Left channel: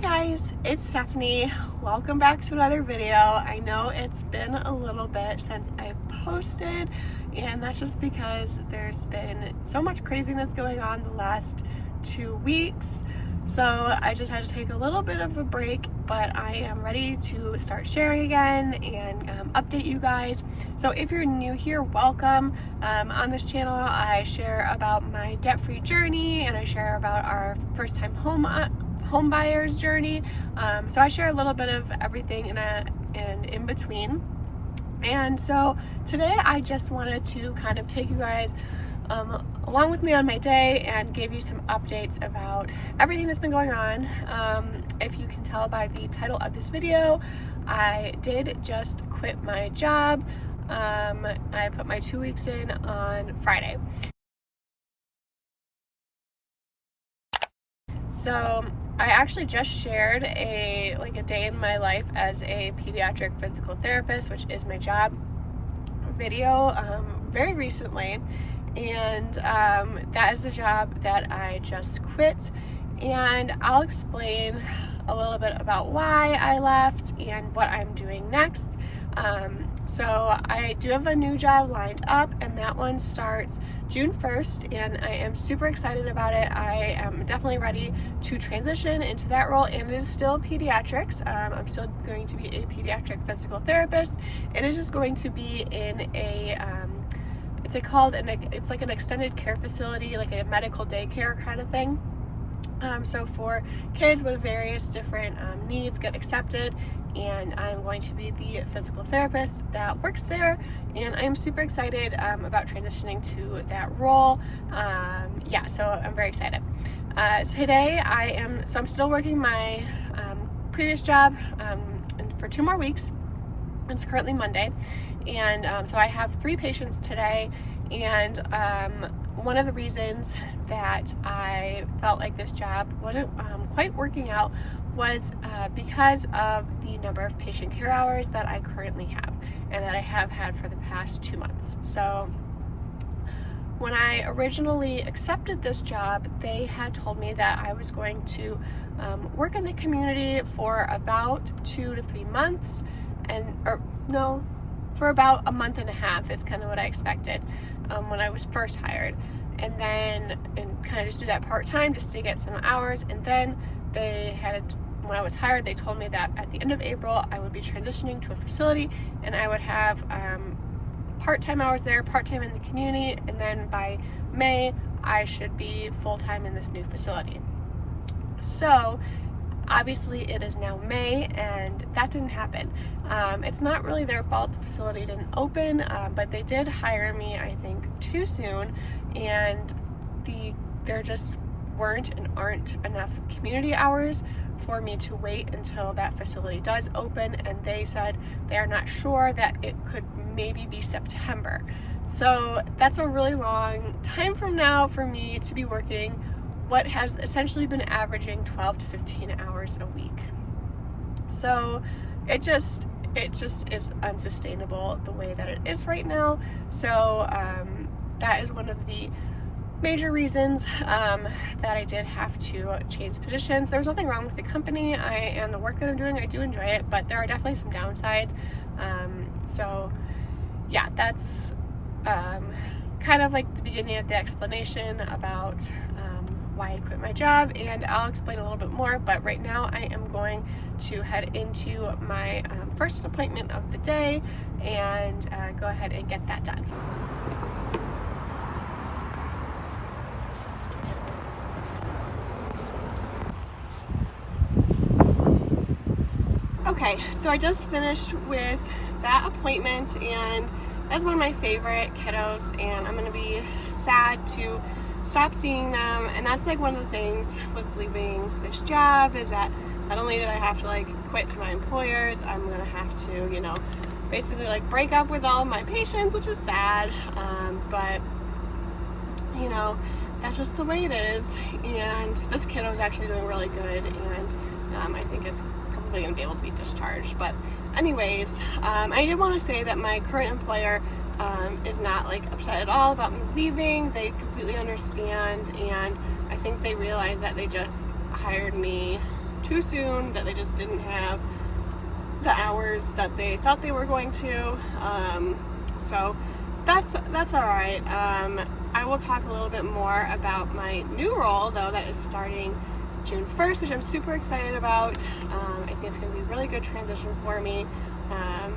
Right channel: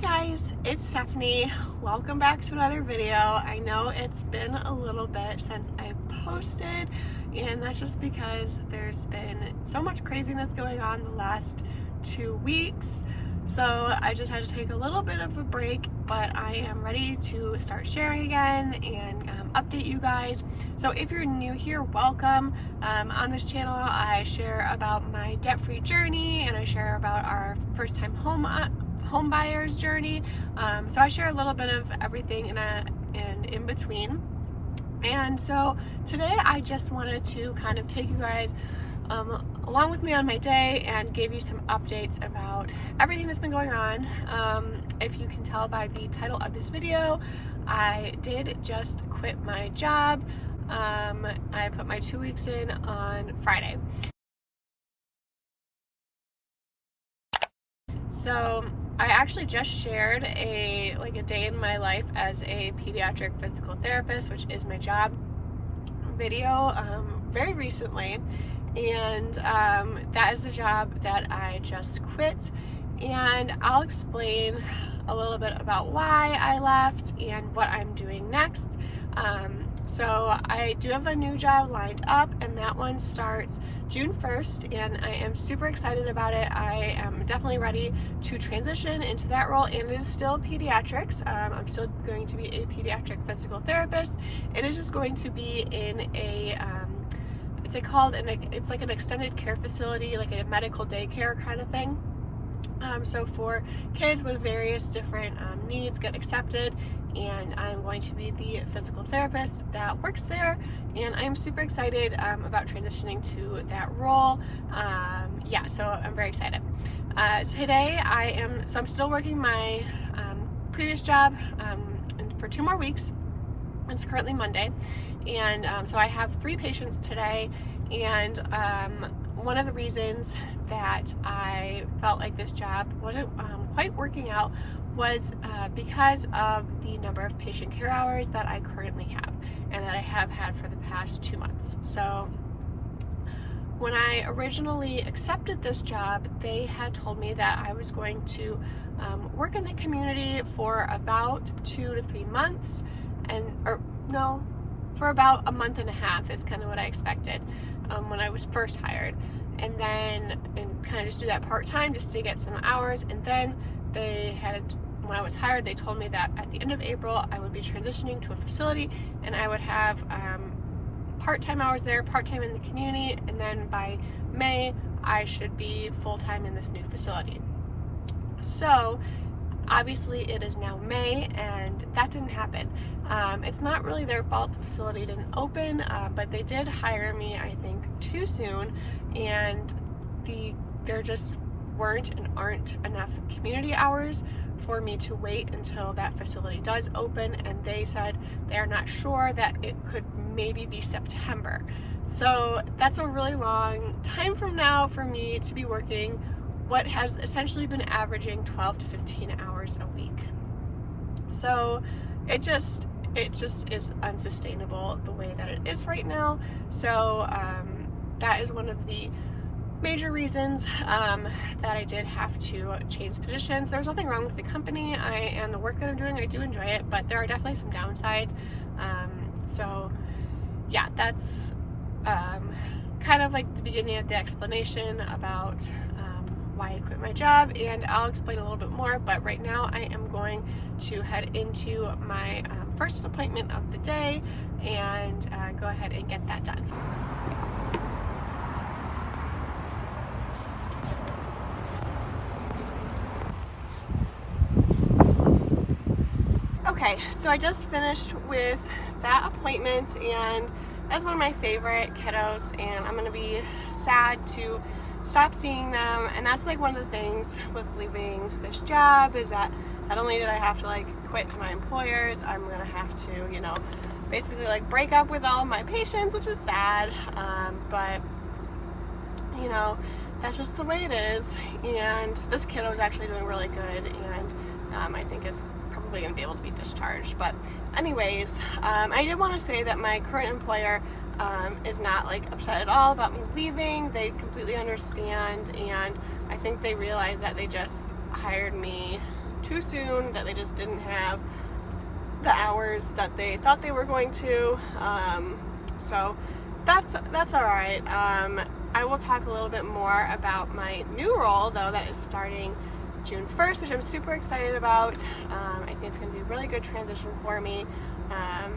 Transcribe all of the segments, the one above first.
Hey guys, it's Stephanie. Welcome back to another video. I know it's been a little bit since I posted, and that's just because there's been so much craziness going on the last 2 weeks. So I just had to take a little bit of a break, but I am ready to start sharing again and update you guys. So if you're new here, welcome. On this channel, I share about my debt-free journey, and I share about our first-time home buyer's journey. So I share a little bit of everything and in between. And so today I just wanted to kind of take you guys along with me on my day and give you some updates about everything that's been going on. If you can tell by the title of this video, I did just quit my job. I put my 2 weeks in on Friday. So I actually just shared a day in my life as a pediatric physical therapist, which is my job, video very recently, and that is the job that I just quit, and I'll explain a little bit about why I left and what I'm doing next. So I do have a new job lined up, and that one starts June 1st, and I am super excited about it. I am definitely ready to transition into that role, and it is still pediatrics. I'm still going to be a pediatric physical therapist. It is just going to be in a, it's like an extended care facility, like a medical daycare kind of thing. So for kids with various different needs get accepted, and I'm going to be the physical therapist that works there, and I'm super excited about transitioning to that role. So I'm very excited. Today I'm still working my previous job for 2 more weeks. It's currently Monday, and so I have 3 patients today, and one of the reasons that I felt like this job wasn't quite working out was because of the number of patient care hours that I currently have and that I have had for the past 2 months. So when I originally accepted this job, they had told me that I was going to work in the community for about 2 to 3 months, for about a month and a half is kind of what I expected when I was first hired, and kind of just do that part-time just to get some hours. And then when I was hired, they told me that at the end of April I would be transitioning to a facility, and I would have part-time hours there, part-time in the community, and then by May I should be full-time in this new facility. So obviously it is now May, and that didn't happen. It's not really their fault the facility didn't open, but they did hire me, I think, too soon, and there just weren't and aren't enough community hours for me to wait until that facility does open, and they said they are not sure, that it could maybe be September. So that's a really long time from now for me to be working what has essentially been averaging 12 to 15 hours a week. So it just is unsustainable the way that it is right now. So that is one of the major reasons that I did have to change positions. There was nothing wrong with the company and the work that I'm doing. I do enjoy it, but there are definitely some downsides. So yeah, that's kind of like the beginning of the explanation about why I quit my job, and I'll explain a little bit more, but right now I am going to head into my first appointment of the day and go ahead and get that done. Okay, so I just finished with that appointment, and that's one of my favorite kiddos, and I'm gonna be sad to stop seeing them. And that's like one of the things with leaving this job, is that not only did I have to quit to my employers, I'm gonna have to, basically break up with all of my patients, which is sad, but that's just the way it is. And this kiddo is actually doing really good, and I think is probably gonna be able to be discharged. But anyways, I did want to say that my current employer is not upset at all about me leaving. They completely understand, and I think they realize that they just hired me too soon, that they just didn't have the hours that they thought they were going to. So that's all right. I will talk a little bit more about my new role, though, that is starting June 1st, which I'm super excited about. I think it's going to be a really good transition for me,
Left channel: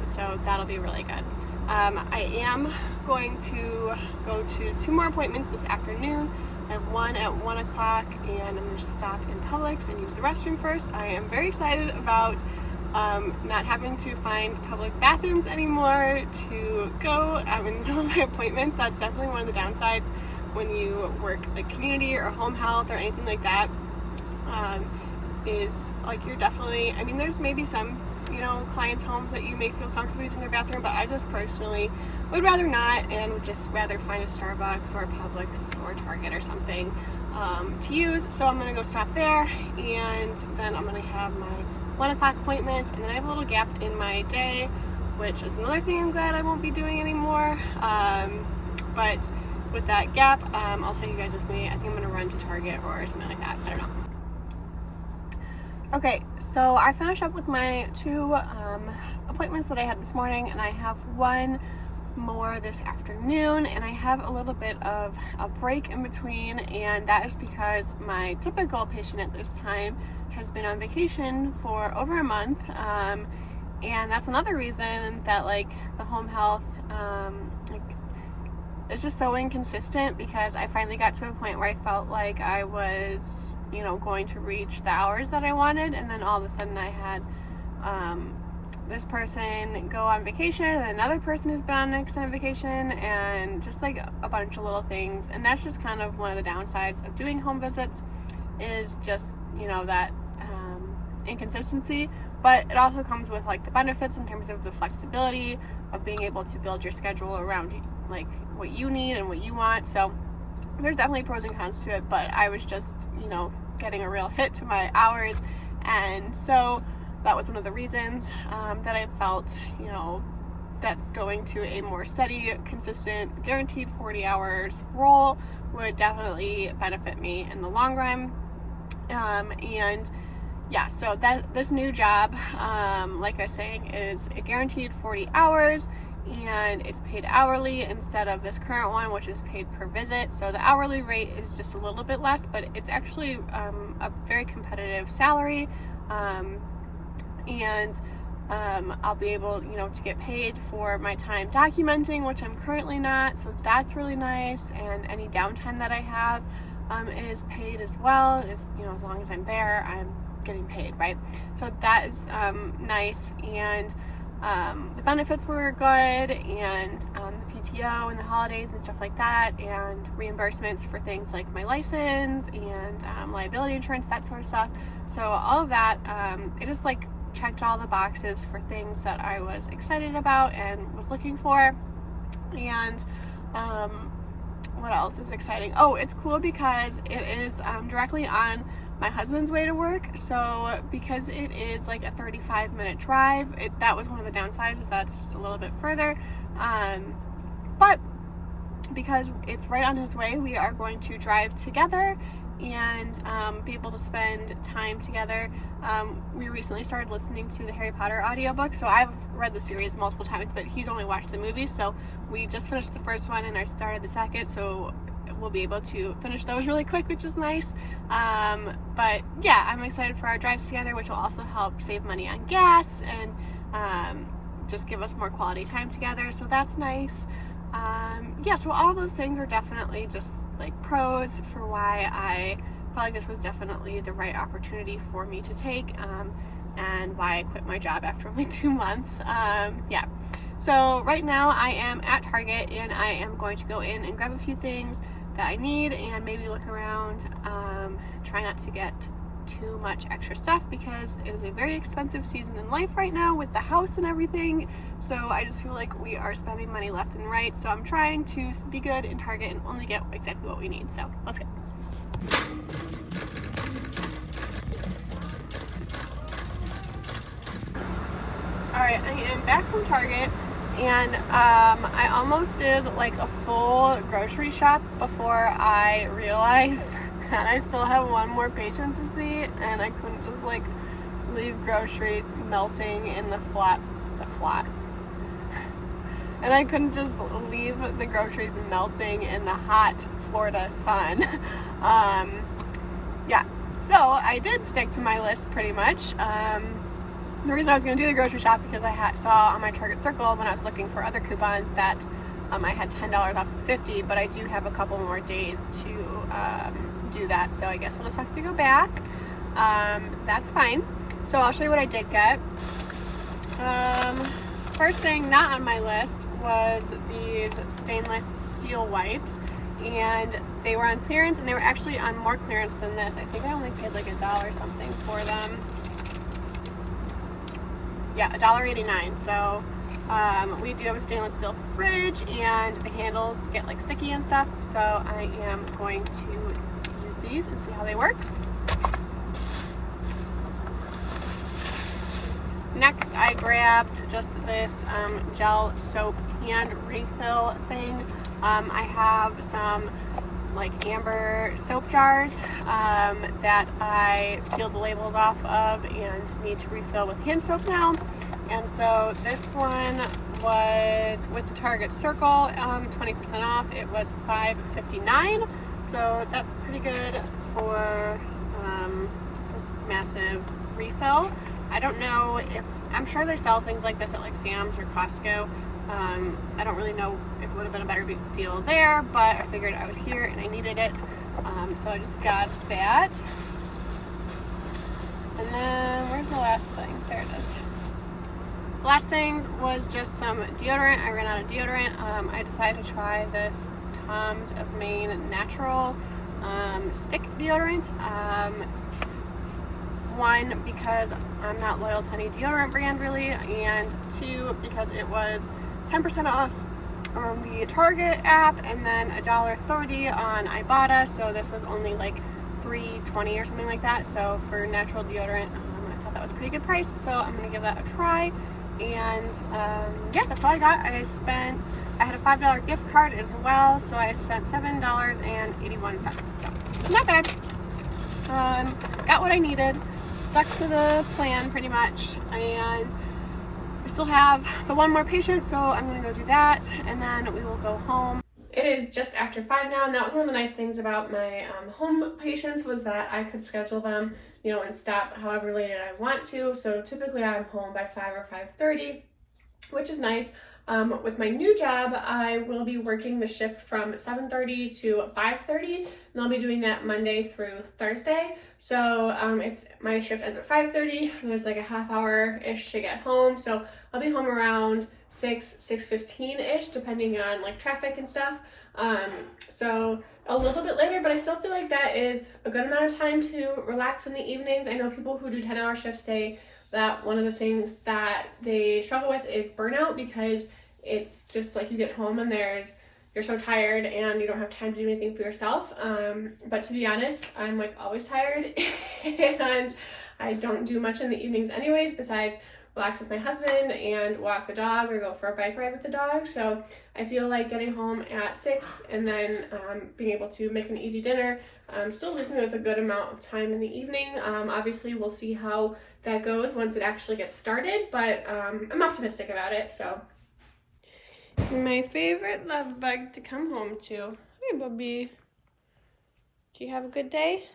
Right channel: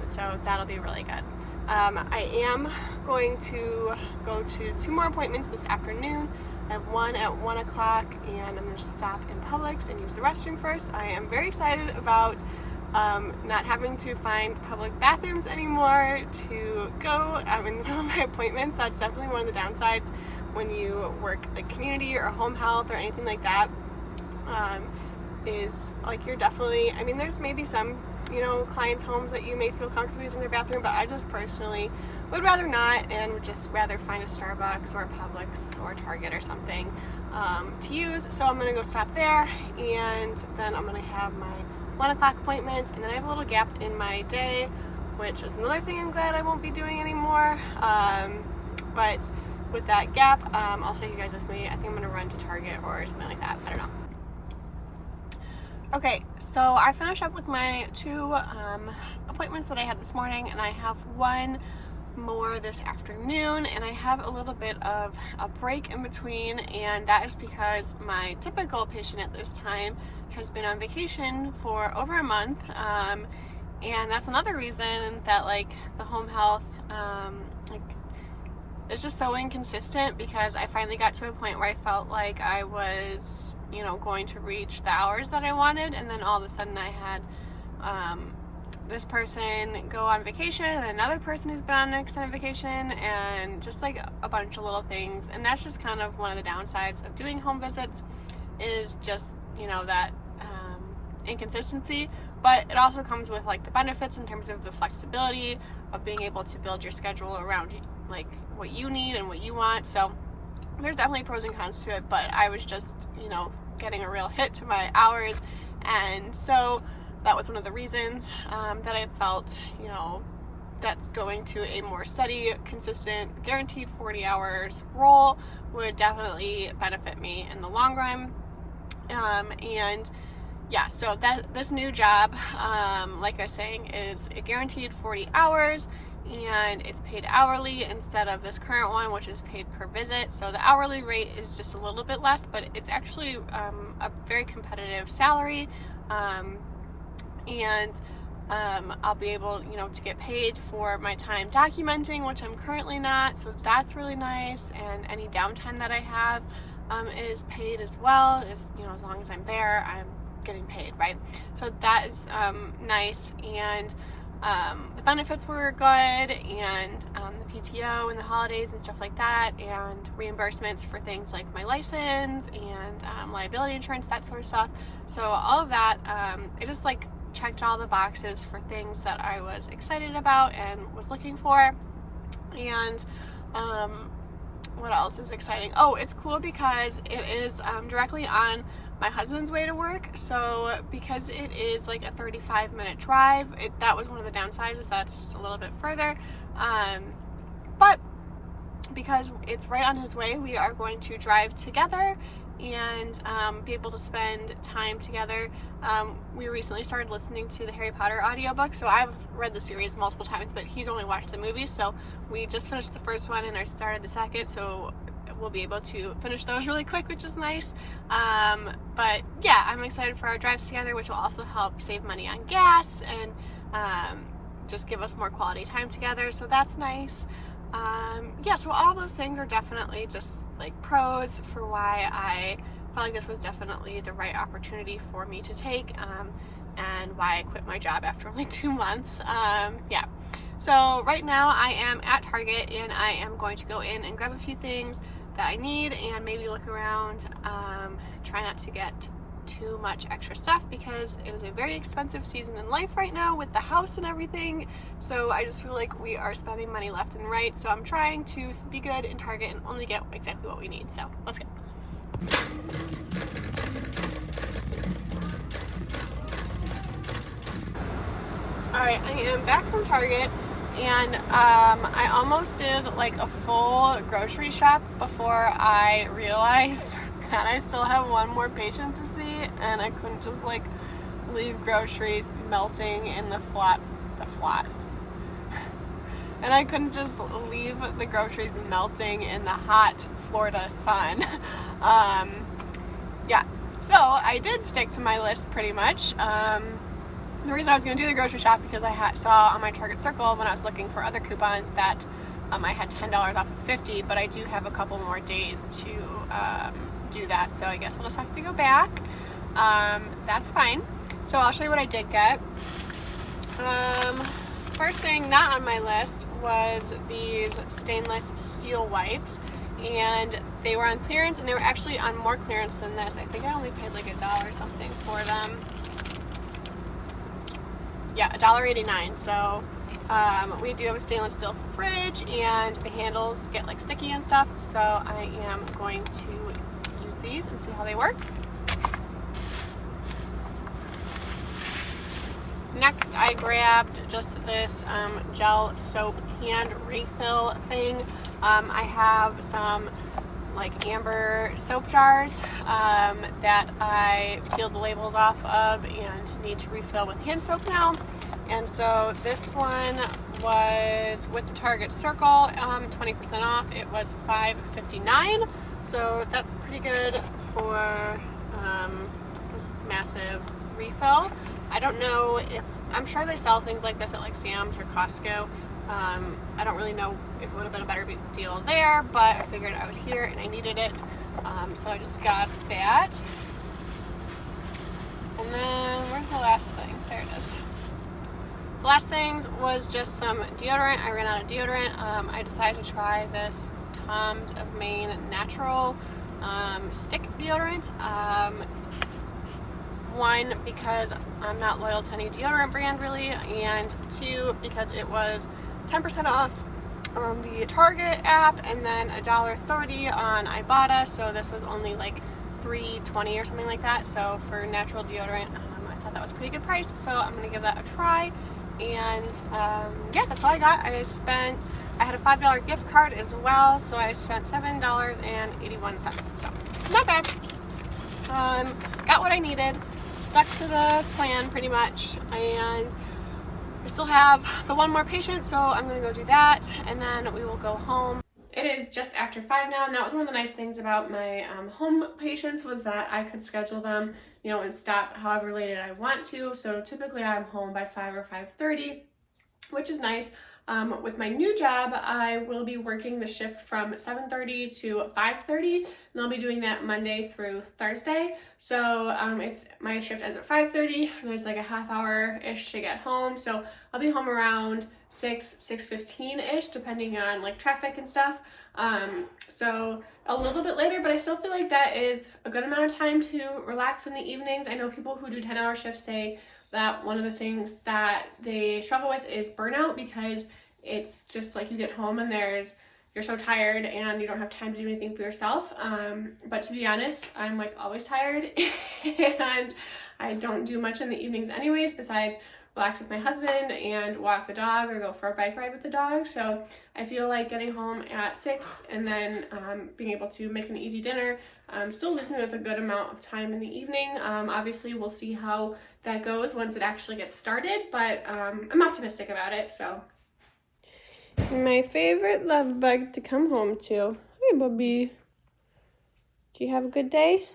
so that'll be really good. I am going to go to 2 more appointments this afternoon. I have one at 1 o'clock, and I'm going to stop in Publix and use the restroom first. I am very excited about not having to find public bathrooms anymore to go in the middle of my appointments. That's definitely one of the downsides when you work like community or home health or anything like that. Is like you're definitely, I mean, there's maybe some, clients' homes that you may feel comfortable using their bathroom, but I just personally would rather not, and would just rather find a Starbucks or a Publix or Target or something to use. So I'm gonna go stop there, and then I'm gonna have my 1 o'clock appointment, and then I have a little gap in my day, which is another thing I'm glad I won't be doing anymore. But with that gap, I'll take you guys with me. I think I'm gonna run to Target or something like that. I don't know. Okay, so I finished up with my 2 appointments that I had this morning, and I have 1 more this afternoon, and I have a little bit of a break in between, and that is because my typical patient at this time has been on vacation for over a month, and that's another reason that the home health it's just so inconsistent, because I finally got to a point where I felt like I was going to reach the hours that I wanted, and then all of a sudden I had this person go on vacation, and another person who's been on an extended vacation, and just a bunch of little things. And that's just kind of one of the downsides of doing home visits, is just that inconsistency. But it also comes with the benefits in terms of the flexibility of being able to build your schedule around what you need and what you want. So there's definitely pros and cons to it, but I was just getting a real hit to my hours, and so that was one of the reasons that I felt that going to a more steady, consistent, guaranteed 40 hours role would definitely benefit me in the long run. And yeah, so this new job, like I was saying, is a guaranteed 40 hours, and it's paid hourly instead of this current one, which is paid per visit. So the hourly rate is just a little bit less, but it's actually a very competitive salary, and I'll be able to get paid for my time documenting, which I'm currently not, so that's really nice. And any downtime that I have is paid as well, as as long as I'm there, I'm getting paid, right? So that is nice. And the benefits were good, and the PTO and the holidays and stuff like that, and reimbursements for things like my license and liability insurance, that sort of stuff. So all of that, it just checked all the boxes for things that I was excited about and was looking for. And what else is exciting? Oh, it's cool because it is directly on my husband's way to work. So because it is a 35-minute drive, that was one of the downsides, is that it's just a little bit further. But because it's right on his way, we are going to drive together and be able to spend time together. We recently started listening to the Harry Potter audiobook, so I've read the series multiple times, but he's only watched the movie. So we just finished the first one and I started the second, so we'll be able to finish those really quick, which is nice. But yeah, I'm excited for our drives together, which will also help save money on gas and just give us more quality time together, so that's nice. Yeah, so all those things are definitely just pros for why I felt like this was definitely the right opportunity for me to take, and why I quit my job after only 2 months. Yeah, so right now I am at Target, and I am going to go in and grab a few things that I need, and maybe look around, try not to get too much extra stuff, because it is a very expensive season in life right now with the house and everything. So I just feel like we are spending money left and right, so I'm trying to be good in Target and only get exactly what we need. So let's go. Alright, I am back from Target, and I almost did a full grocery shop before I realized that I still have one more patient to see, and I couldn't just leave groceries melting in the flat. And I couldn't just leave the groceries melting in the hot Florida sun. Yeah, so I did stick to my list pretty much. The reason I was going to do the grocery shop because I saw on my Target Circle when I was looking for other coupons that I had $10 off of 50, but I do have a couple more days to do that, so I guess I'll just have to go back. That's fine. So I'll show you what I did get. First thing not on my list was these stainless steel wipes, and they were on clearance, and they were actually on more clearance than this. I think I only paid like $1 something for them. Yeah, $1.89. So we do have a stainless steel fridge, and the handles get like sticky and stuff, so I am going to use these and see how they work. Next, I grabbed just this gel soap hand refill thing. I have some like amber soap jars that I peeled the labels off of and need to refill with hand soap now. And so this one was with the Target Circle 20% off. It was $5.59, so that's pretty good for this massive refill. I don't know if, I'm sure they sell things like this at like Sam's or Costco. I don't really know if it would have been a better deal there, but I figured I was here and I needed it. So I just got that. And then, where's the last thing? There it is. The last thing was just some deodorant. I ran out of deodorant. I decided to try this Tom's of Maine natural stick deodorant. One, because I'm not loyal to any deodorant brand really, and two, because it was 10% off on the Target app and then $1.30 on Ibotta, so this was only like $3.20 or something like that. So for natural deodorant, I thought that was a pretty good price, so I'm gonna give that a try. And yeah, that's all I got. I had a $5 gift card as well, so I spent $7.81, so not bad. Got what I needed, stuck to the plan pretty much, and I still have the one more patient, so I'm gonna go do that, and then we will go home. It is just after 5 now, and that was one of the nice things about my home patients, was that I could schedule them, you know, and stop however late I want to. So typically I'm home by 5 or 5:30, which is nice. With my new job, I will be working the shift from 7:30 to 5:30, and I'll be doing that Monday through Thursday. So my shift ends at 5:30, and there's like a half hour-ish to get home. So I'll be home around 6:15-ish, depending on like traffic and stuff. So a little bit later, but I still feel like that is a good amount of time to relax in the evenings. I know people who do 10-hour shifts say that one of the things that they struggle with is burnout, because it's just like you get home and you're so tired and you don't have time to do anything for yourself. But to be honest, I'm like always tired and I don't do much in the evenings anyways, besides relax with my husband and walk the dog or go for a bike ride with the dog. So I feel like getting home at 6 and then being able to make an easy dinner still leaves me with a good amount of time in the evening. Obviously we'll see how that goes once it actually gets started, but I'm optimistic about it. So my favorite love bug to come home to. Hey, Bubby. Do you have a good day?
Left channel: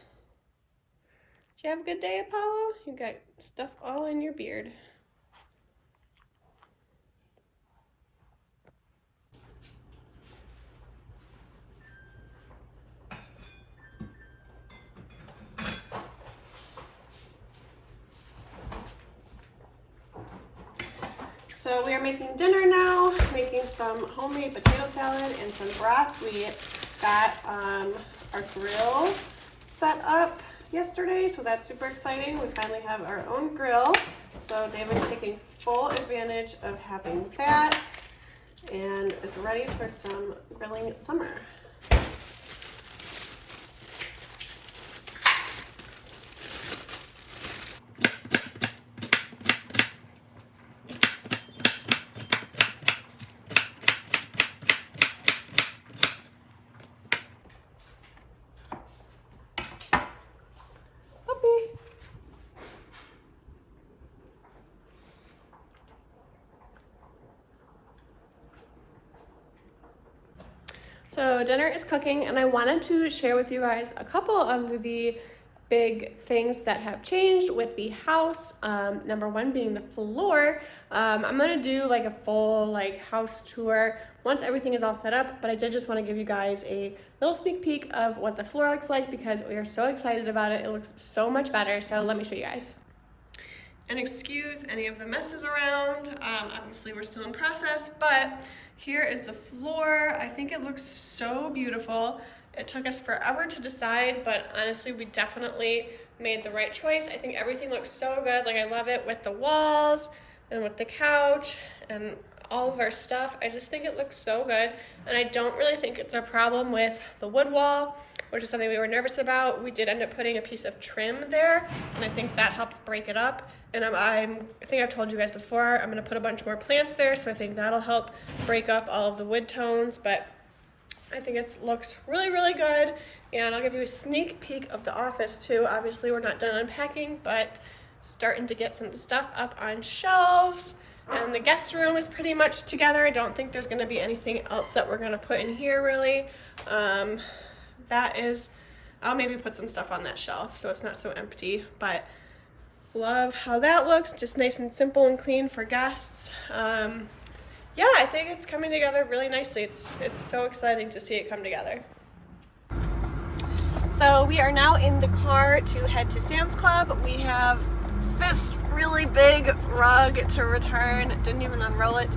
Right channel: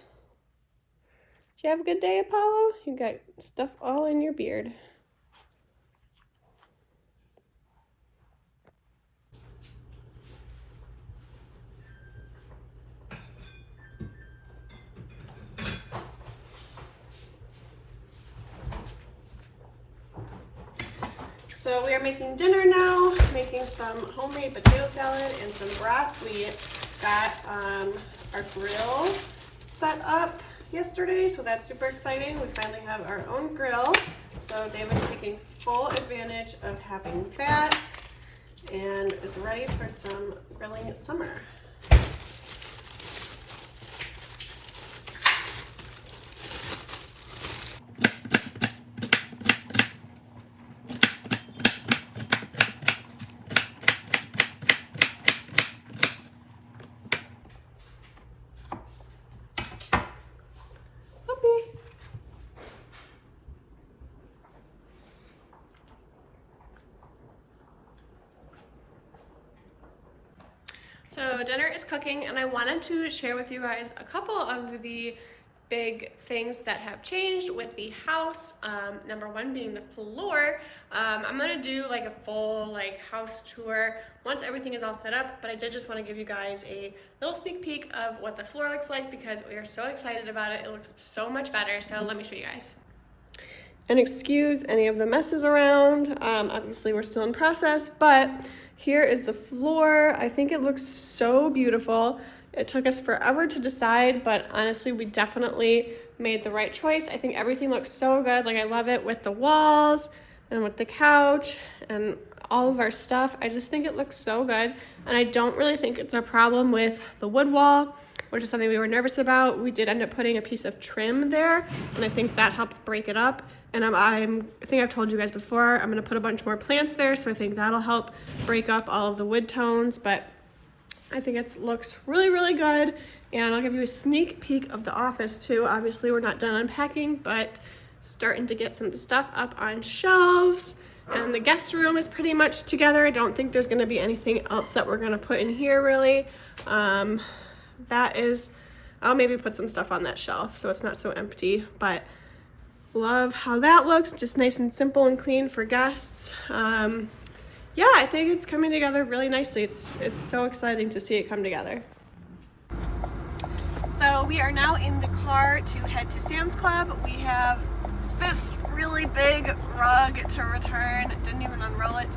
Did you have a good day, Apollo? You got stuff all in your beard. So we are making dinner now, making some homemade potato salad and some brats. We got our grill set up yesterday, so that's super exciting. We finally have our own grill. So David's taking full advantage of having that and is ready for some grilling summer. So dinner is cooking, and I wanted to share with you guys a couple of the big things that have changed with the house. Number one being the floor. I'm gonna do like a full house tour once everything is all set up, but I did just want to give you guys a little sneak peek of what the floor looks like because we are so excited about it. It looks so much better, so let me show you guys. And excuse any of the messes around. Obviously we're still in process, but here is the floor. I think it looks so beautiful. It took us forever to decide, but honestly, we definitely made the right choice. I think everything looks so good. Like, I love it with the walls and with the couch and all of our stuff. I just think it looks so good. And I don't really think it's a problem with the wood wall, which is something we were nervous about. We did end up putting a piece of trim there, and I think that helps break it up. And I think I've told you guys before, I'm gonna put a bunch more plants there, so I think that'll help break up all of the wood tones, but I think it looks really, really good. And I'll give you a sneak peek of the office too. Obviously we're not done unpacking, but starting to get some stuff up on shelves. And the guest room is pretty much together. I don't think there's gonna be anything else that we're gonna put in here really. I'll maybe put some stuff on that shelf so it's not so empty, but love how that looks, just nice and simple and clean for guests. Yeah, I think it's coming together really nicely. It's so exciting to see it come together. So we are now in the car to head to Sam's Club. We have this really big rug to return. Didn't even unroll it.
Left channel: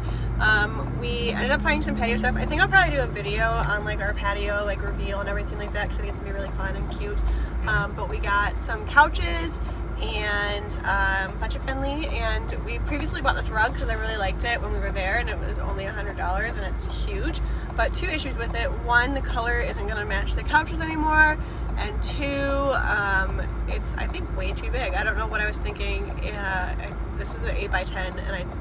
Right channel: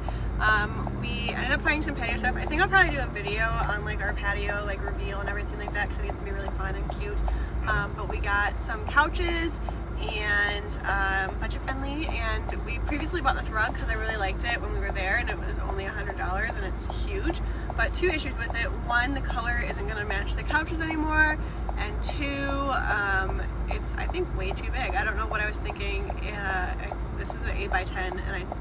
We ended up finding some patio stuff. I think I'll probably do a video on our patio reveal and everything like that because I think it's gonna be really fun and cute. But we got some couches and budget friendly, and we previously bought this rug because I really liked it when we were there, and it was only $100 and it's huge. But two issues with it: one, the color isn't going to match the couches anymore, and two, it's I think way too big. I don't know what I was thinking. This is an 8 by 10, and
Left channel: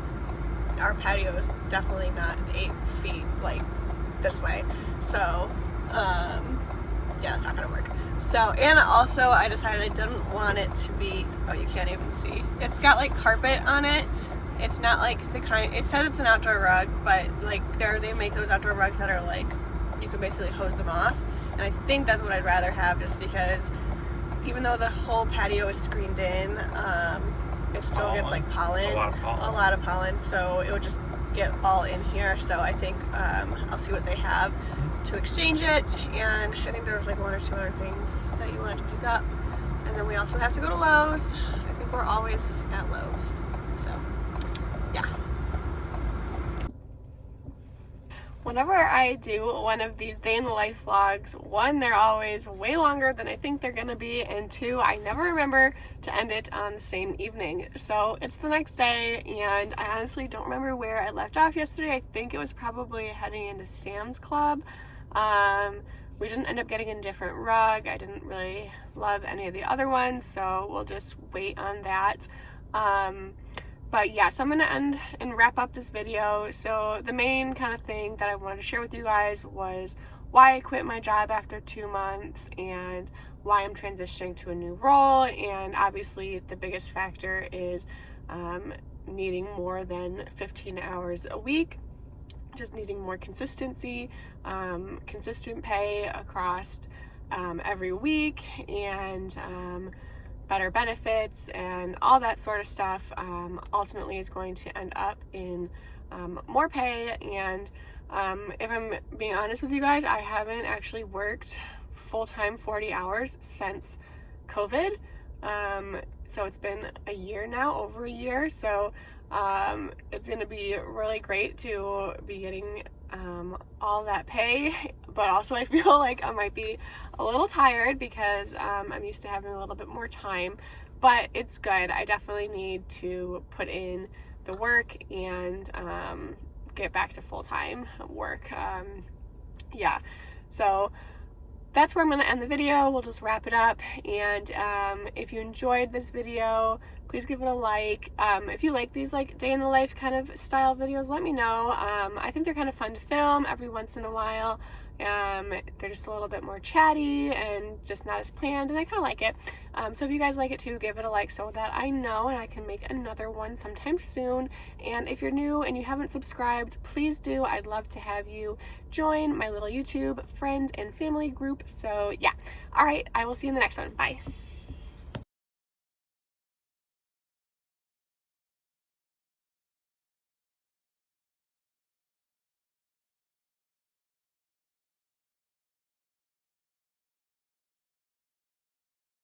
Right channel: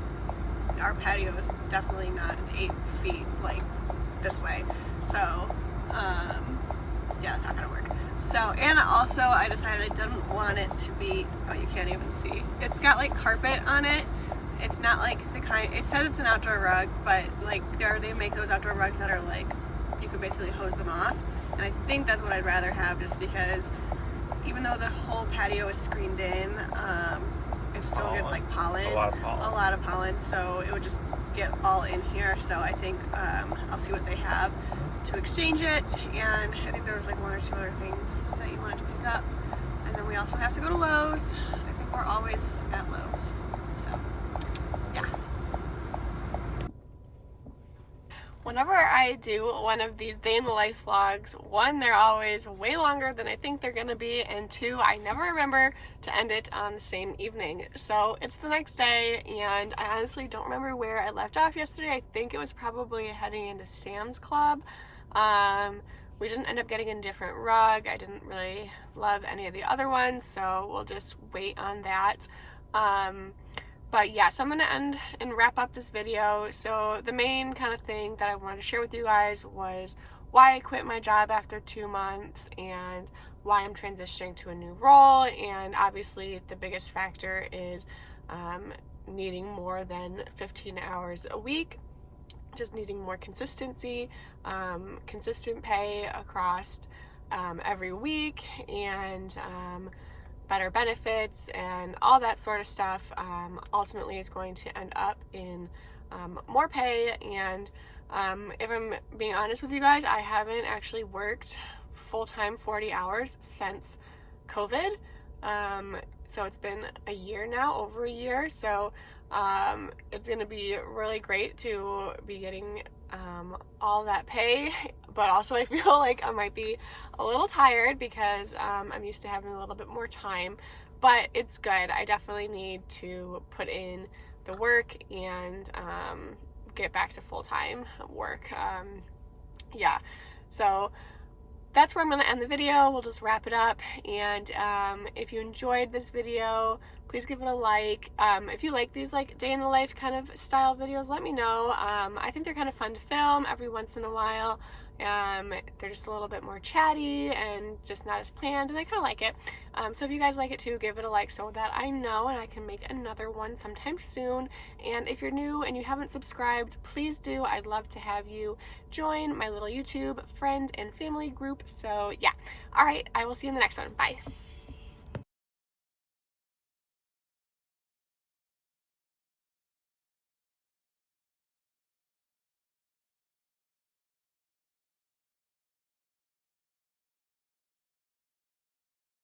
our patio is definitely not 8 feet this way, so yeah, it's not gonna work. So, and also I decided I didn't want it to be, oh, you can't even see. It's got carpet on it. It's not the kind, it says it's an outdoor rug, but they make those outdoor rugs that are you can basically hose them off. And I think that's what I'd rather have, just because even though the whole patio is screened in, it still gets pollen. A lot of pollen, so it would just get all in here. So I think I'll see what they have to exchange it, and I think there was 1 or 2 other things that you wanted to pick up, and then we also have to go to Lowe's. I think we're always at Lowe's, so yeah. Whenever I do one of these day in the life vlogs, one, they're always way longer than I think they're gonna be, and two, I never remember to end it on the same evening. So it's the next day, and I honestly don't remember where I left off yesterday. I think it was probably heading into Sam's Club. We didn't end up getting a different rug. I didn't really love any of the other ones, so we'll just wait on that. But yeah, so I'm gonna end and wrap up this video. So the main kind of thing that I wanted to share with you guys was why I quit my job after 2 months and why I'm transitioning to a new role. And obviously the biggest factor is needing more than 15 hours a week, just needing more consistency, consistent pay across every week, and better benefits and all that sort of stuff ultimately is going to end up in more pay. And if I'm being honest with you guys, I haven't actually worked full-time 40 hours since COVID. So it's been a year now, over a year. So it's going to be really great to be getting all that pay, but also I feel like I might be a little tired because I'm used to having a little bit more time, but it's good. I definitely need to put in the work and get back to full-time work. Yeah, so that's where I'm going to end the video. We'll just wrap it up, and if you enjoyed this video, please give it a like. If you like these day in the life kind of style videos, let me know. I think they're kind of fun to film every once in a while, They're just a little bit more chatty and just not as planned, and I kind of like it. So if you guys like it too, give it a like so that I know and I can make another one sometime soon. And if you're new and you haven't subscribed, please do. I'd love to have you join my little YouTube friend and family group. So yeah. All right, I will see you in the next one. Bye.